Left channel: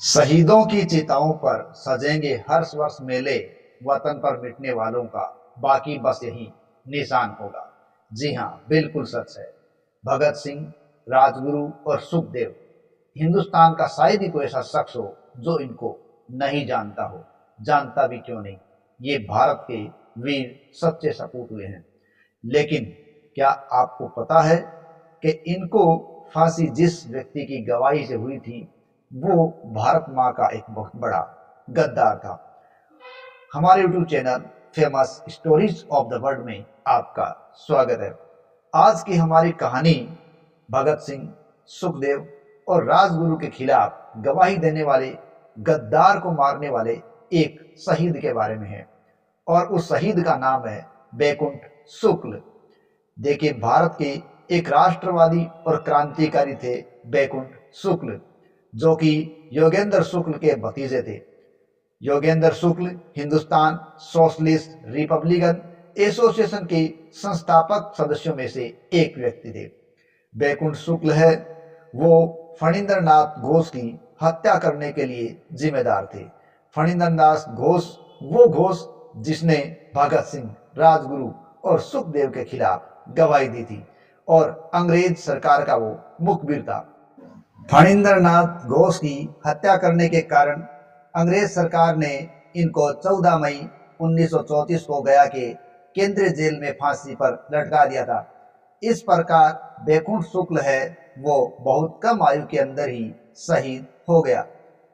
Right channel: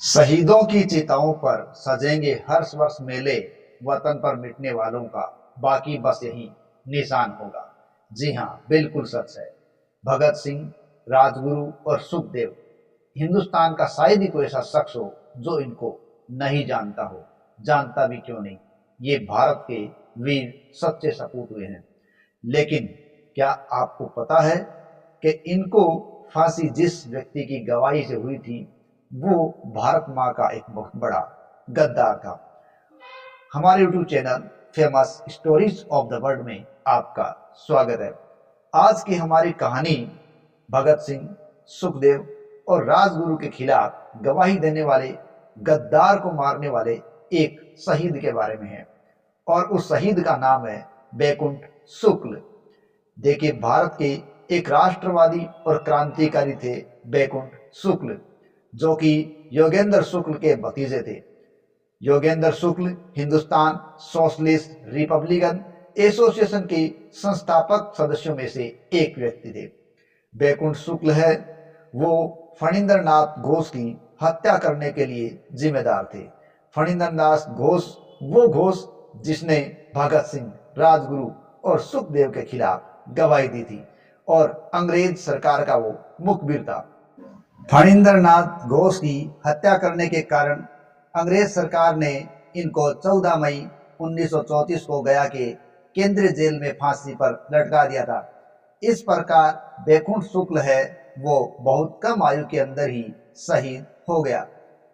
शहीदों की चिताओं पर सजेंगे हर वर्ष मेले, वतन पर मिटने वालों का बाकी बस यही निशान होगा। जी हाँ, बिल्कुल सच है। भगत सिंह, राजगुरु और सुखदेव, हिंदुस्तान का शायद ही कोई ऐसा शख्स हो जो इनको नहीं जानता हो। जानता भी क्यों नहीं, ये भारत के वीर सच्चे सपूत हुए हैं। लेकिन क्या आपको पता है कि इनको फांसी जिस व्यक्ति की गवाही से हुई थी, वो भारत माँ का एक बहुत बड़ा गद्दार था। हमारे YouTube channel famous stories of the world में आपका स्वागत है। आज की हमारी कहानी भगत सिंह, सुखदेव और राजगुरु के खिलाफ गवाही देने वाले गद्दार को मारने वाले एक शहीद के बारे में है, और उस शहीद का नाम है बैकुंठ शुक्ल। देखिए, भारत के एक राष्ट्रवादी और क्रांतिकारी थे बैकुंठ शुक्ल, जो कि योगेंद्र शुक्ल के भतीजे थे। योगेंद्र शुक्ल हिंदुस्तान सोशलिस्ट रिपब्लिकन एसोसिएशन के संस्थापक सदस्यों में से एक व्यक्ति थे। बैकुंठ शुक्ल है वो फणींद्र नाथ घोष की हत्या करने के लिए जिम्मेदार थे। फणींद्र नाथ घोष वो घोष जिसने भगत सिंह, राजगुरु और सुखदेव के खिलाफ गवाही दी थी, और अंग्रेज सरकार का वो मुखबिर था। फणींद्र नाथ घोष की हत्या करने के कारण अंग्रेज सरकार ने इनको 14 मई 1934 को गया के केंद्रीय जेल में फांसी पर लटका दिया था। इस प्रकार बैकुंठ शुक्ल है वो बहुत कम आयु के अंदर ही शहीद हो गया।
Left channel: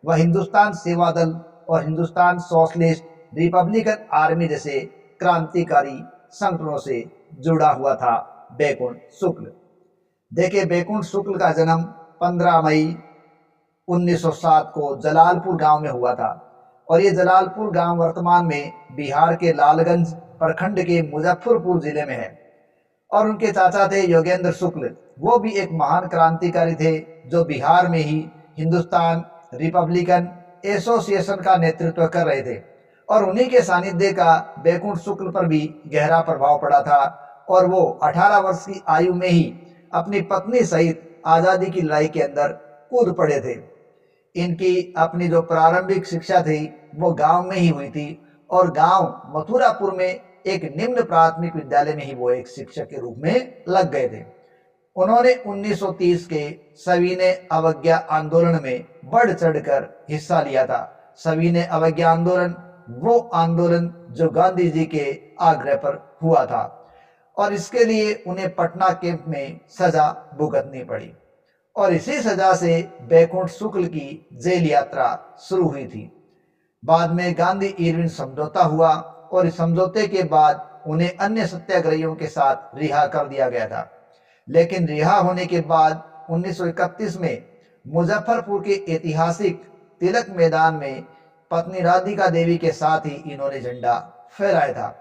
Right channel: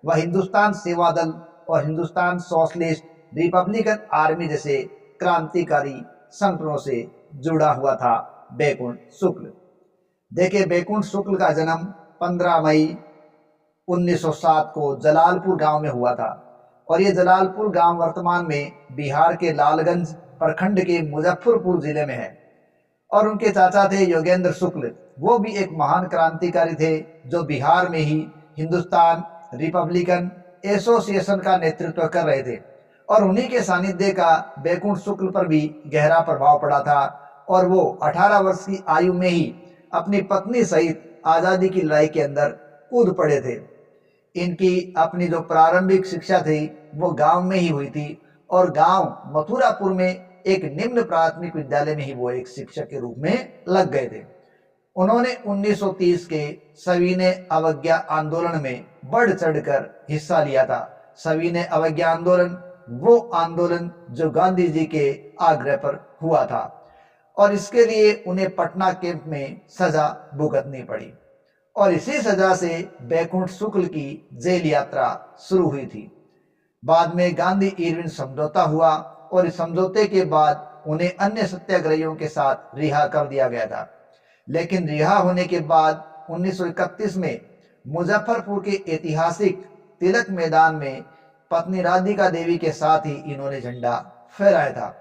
वह हिंदुस्तान सेवा दल और हिंदुस्तान सोशलिस्ट रिपब्लिकन आर्मी जैसे क्रांतिकारी संगठनों से जुड़ा हुआ था बैकुंठ शुक्ल। देखिए, बैकुंठ शुक्ल का जन्म 15 मई 1907 को जलालपुर गांव में हुआ था, और ये जलालपुर गांव वर्तमान में बिहार के लालगंज प्रखंड के मुजफ्फरपुर जिले में है। और उनके चाचा थे योगेंद्र शुक्ल, वो भी एक महान क्रांतिकारी थे जो बिहार में ही हिंदुस्तान रिपब्लिकन एसोसिएशन का नेतृत्व कर रहे थे, और उन्हीं के सानिध्य का बैकुंठ शुक्ल पर भी गहरा प्रभाव पड़ा था। और वो 18 वर्ष की आयु में ही अपनी पत्नी सहित आज़ादी की लड़ाई के अंदर कूद पड़े थे। इनकी अपनी जो प्रारंभिक शिक्षा थी वो गांव में ही हुई थी, और गांव मथुरापुर में एक निम्न प्राथमिक विद्यालय में ही वो एक शिक्षक के रूप में लग गए थे। उन्होंने 1930 के सविनय अवज्ञा आंदोलन में बढ़ चढ़कर हिस्सा लिया था। सविनय अवज्ञा आंदोलन वो आंदोलन जो गांधी जी के आग्रह पर हुआ था, और इसके लिए उन्हें पटना कैंप में सजा भुगतनी पड़ी, और इसी सजा से बैकुंठ शुक्ल की जेल यात्रा शुरू हुई थी। बाद में गांधी इरविन समझौता हुआ, और इस समझौते के बाद उन्हें अन्य सत्याग्रहियों के साथ रिहा कर दिया गया था। लेकिन रिहा होने के बाद 1931 में मुजफ्फरपुर के ऐतिहासिक तिलक मैदान में पत्नी राधिका देवी के साथ ही इन्होंने झंडा फहराया था।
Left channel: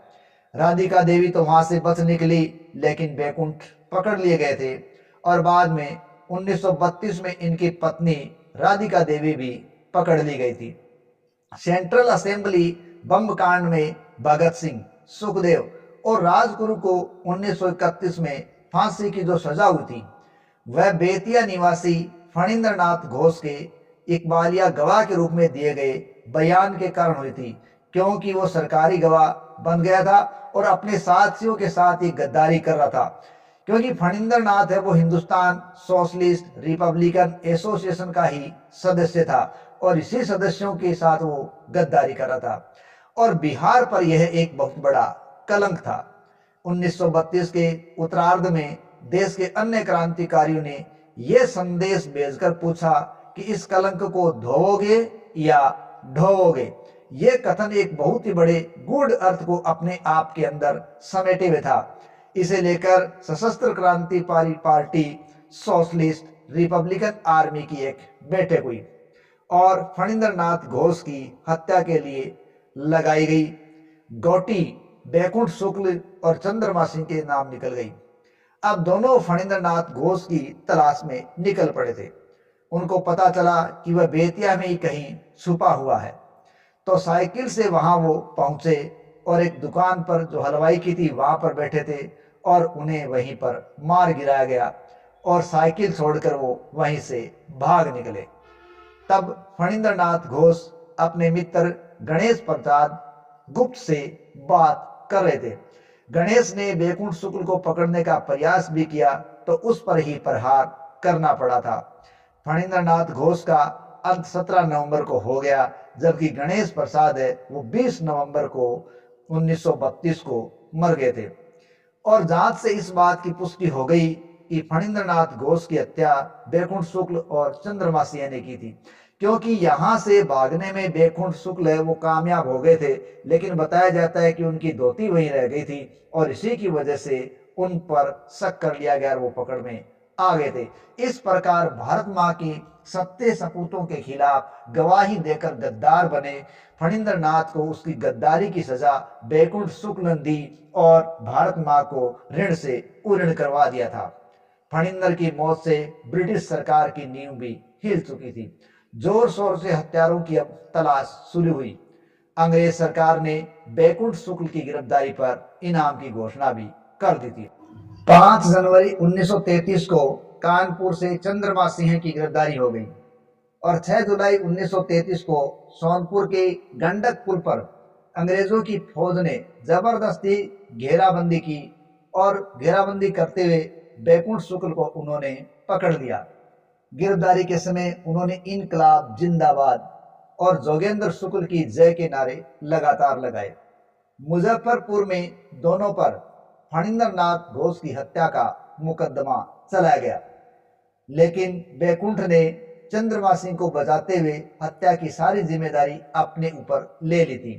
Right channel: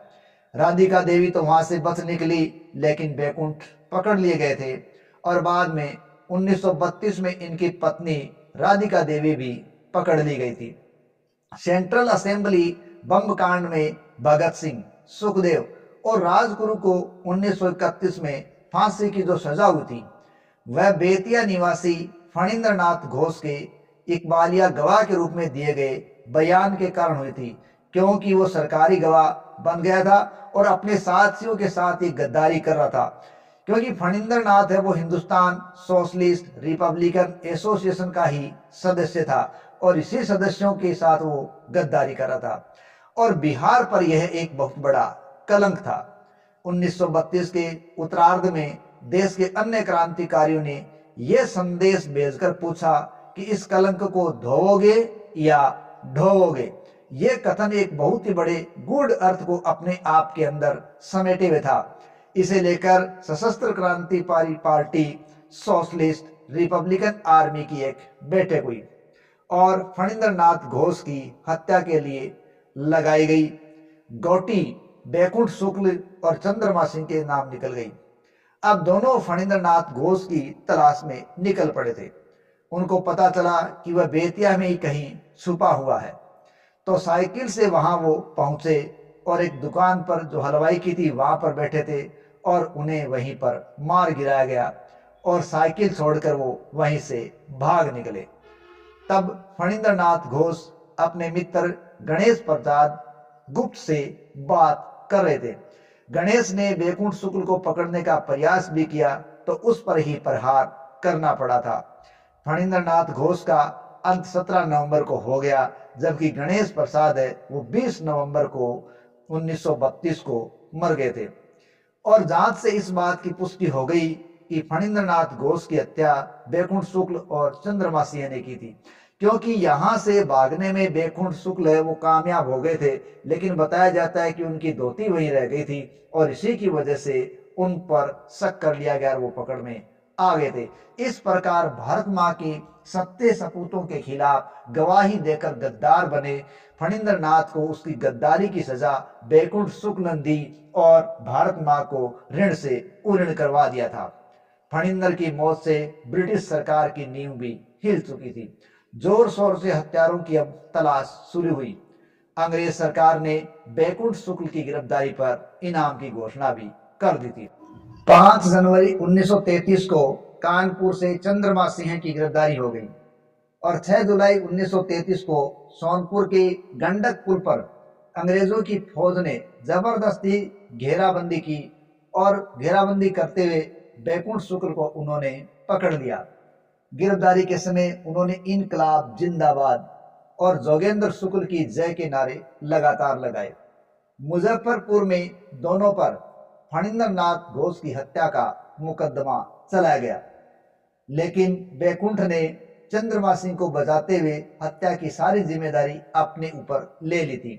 राधिका देवी तो वहां से बच निकली, लेकिन बैकुंठ पकड़ लिए गए थे, और बाद में 1932 में इनकी पत्नी राधिका देवी भी पकड़ ली गई थी। सेंट्रल असेंबली बम कांड में भगत सिंह, सुखदेव और राजगुरु को 1931 में फांसी की जो सजा हुई थी, वह बेतिया निवासी फणींद्र नाथ घोष के इकबालिया गवाह के रूप में दिए गए बयान के कारण हुई थी, क्योंकि वो सरकारी गवाह बन गया था और अपने साथियों के साथ ही गद्दारी कर रहा था। क्योंकि फणींद्र नाथ है वो हिंदुस्तान सोशलिस्ट रिपब्लिकन एसोसिएशन का ही सदस्य था, और इसी सदस्यों के साथ वो गद्दारी कर रहा था, और बिहार पर यह एक बहुत बड़ा कलंक था। 1932 के उत्तरार्ध में देश के अन्य क्रांतिकारियों ने यह संदेश भेजकर पूछा कि इस कलंक को धोओगे या ढोओगे। यह कथन एक बहुत ही बड़े गूढ़ अर्थ को अपने आप के अंदर समेटे हुए था। इसे लेकर सशस्त्र क्रांतिकारी पार्टी सोशलिस्ट रिपब्लिकन आर्मी की एक बैठक हुई, और फणींद्र नाथ घोष की हत्या के लिए लगाई गई गोटी बैकुंठ शुक्ल और चंद्रमा सिंह के नाम निकल गई। अब दोनों फणींद्र नाथ घोष की तलाश में निकल पड़े थे। उनको पता चला कि वह बेतिया में ही कहीं छुपा हुआ है, तो साइकिल से वहां वो पहुंचे, और एक दुकान पर जो हलवाई की थी वहां पर बैठे थे, और उन्हें वहीं पर मार गिराया गया, और साइकिल छोड़कर वो वहीं से भाग निकले। तब फणींद्रनाथ घोष अपने मित्र गणेश प्रसाद गुप्त से बात कर रहे थे। गणेश ने बैकुंठ शुक्ल को पकड़ने का प्रयास भी किया तो उस पर ही प्रहार करना पड़ा था। फणींद्रनाथ घोष का अंत 17 नवंबर को हो गया, जबकि गणेश प्रसाद है वो 20 नवंबर को 1932 को मर गए थे। और जांच से इस बात की पुष्टि हो गई कि फणींद्रनाथ घोष की हत्या बैकुंठ शुक्ल और चंद्रमा सिंह ने की थी, क्योंकि यहां से भागने में बैकुंठ शुक्ल है वो कामयाब हो गए थे, लेकिन बताया जाता है कि उनकी धोती वहीं रह गई थी और इसी की वजह से उन पर शक कर लिया गया और वो पकड़ में आ गए थे। इस प्रकार भारत माँ की सत्य सपूतों के खिलाफ गवाही देकर गद्दार बने फणींद्रनाथ को उसकी गद्दारी की सजा बैकुंठ शुक्ल ने दी और भारत माँ को ऋण से उऋण करवा दिया था। फणींद्र की मौत से ब्रिटिश सरकार की नींव भी हिल चुकी थी। जोर शोर से हत्यारों की अब तलाश शुरू हुई। अंग्रेज सरकार ने बैकुंठ शुक्ल की गिरफ्तारी पर इनाम की घोषणा भी कर दी थी। 5 जनवरी 1933 को कानपुर से चंद्रमा सिंह की गिरफ्तारी हो गई और 6 जुलाई 1933 को सोनपुर के गंडक पुल पर अंग्रेजों की फौज ने जबरदस्ती घेराबंदी की और घेराबंदी करते हुए बैकुंठ शुक्ल को उन्होंने पकड़ लिया। गिरफ्तारी के समय उन्होंने इनकलाब जिंदाबाद और जोगेंद्र शुक्ल की जय के नारे लगातार लगाए। मुजफ्फरपुर में दोनों पर फणींद्रनाथ घोष की हत्या का मुकदमा चलाया गया, लेकिन बैकुंठ ने चंद्रमा सिंह को बचाते हुए हत्या की सारी जिम्मेदारी अपने ऊपर ले ली थी।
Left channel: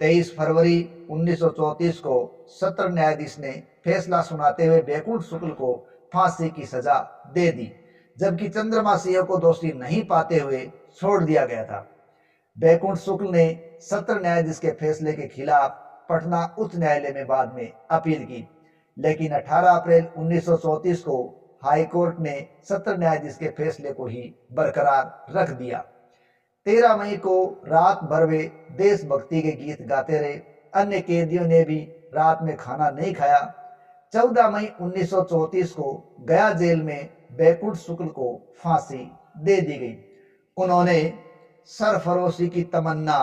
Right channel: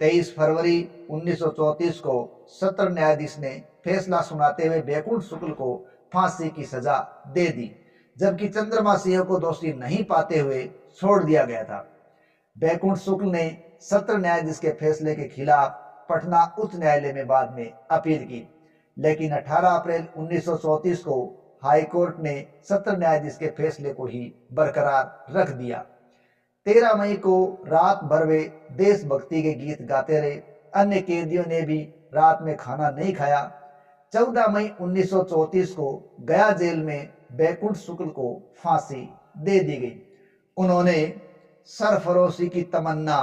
23 फरवरी 1934 को सत्र न्यायाधीश ने फैसला सुनाते हुए बैकुंठ शुक्ल को फांसी की सजा दे दी, जबकि चंद्रमा सिंह को दोषी नहीं पाते हुए छोड़ दिया गया था। बैकुंठ शुक्ल ने सत्र न्यायाधीश के फैसले के खिलाफ पटना उच्च न्यायालय में बाद में अपील की, लेकिन 18 अप्रैल 1934 को हाईकोर्ट ने सत्र न्यायाधीश के फैसले को ही बरकरार रख दिया। 13 मई को रात भर वे देशभक्ति के गीत गाते रहे। अन्य कैदियों ने भी रात में खाना नहीं खाया। 14 मई 1934 को गया जेल में बैकुंठ शुक्ल को फांसी दे दी गई। उन्होंने सरफरोशी की तमन्ना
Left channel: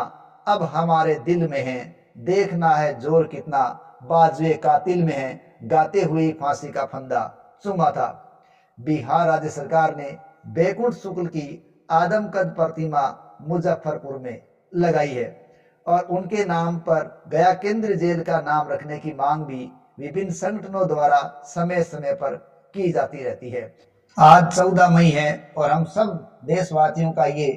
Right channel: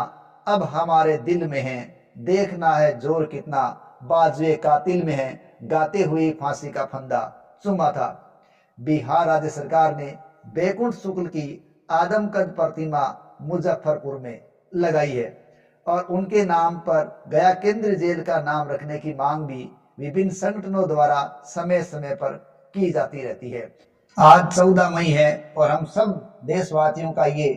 अब हमारे दिल में है, देखना है जोर कितना बाजुए कातिल में है, गाते हुए फांसी का फंदा चूमा था। बिहार राज्य सरकार ने बैकुंठ शुक्ल की आदमकद प्रतिमा मुजफ्फरपुर में लगाई है और उनके नाम पर गया केंद्रीय जेल का नाम रखने की मांग भी विभिन्न संगठनों द्वारा समय समय पर की जाती रहती है। आज 14 मई है और हम सब देशवासियों का ये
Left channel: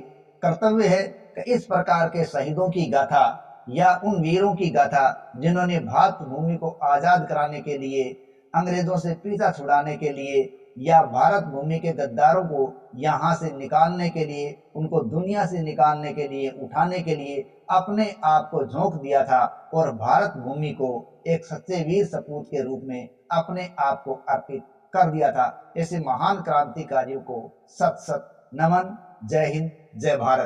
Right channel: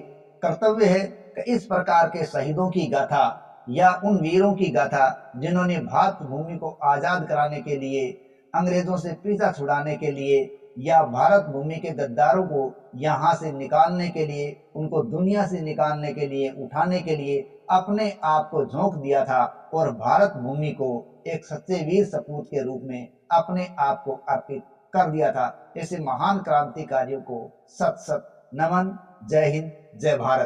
कर्तव्य है कि इस प्रकार के शहीदों की गाथा या उन वीरों की गाथा जिन्होंने भारत भूमि को आज़ाद कराने के लिए, अंग्रेजों से पीछा छुड़ाने के लिए या भारत भूमि के गद्दारों को यहाँ से निकालने के लिए, उनको दुनिया से निकालने के लिए, उठाने के लिए अपने आप को झोंक दिया था और भारत भूमि को एक सच्चे वीर सपूत के रूप में अपने आप को अर्पित कर दिया था। ऐसे महान क्रांतिकारियों को सत सत नमन। जय हिंद, जय भारत।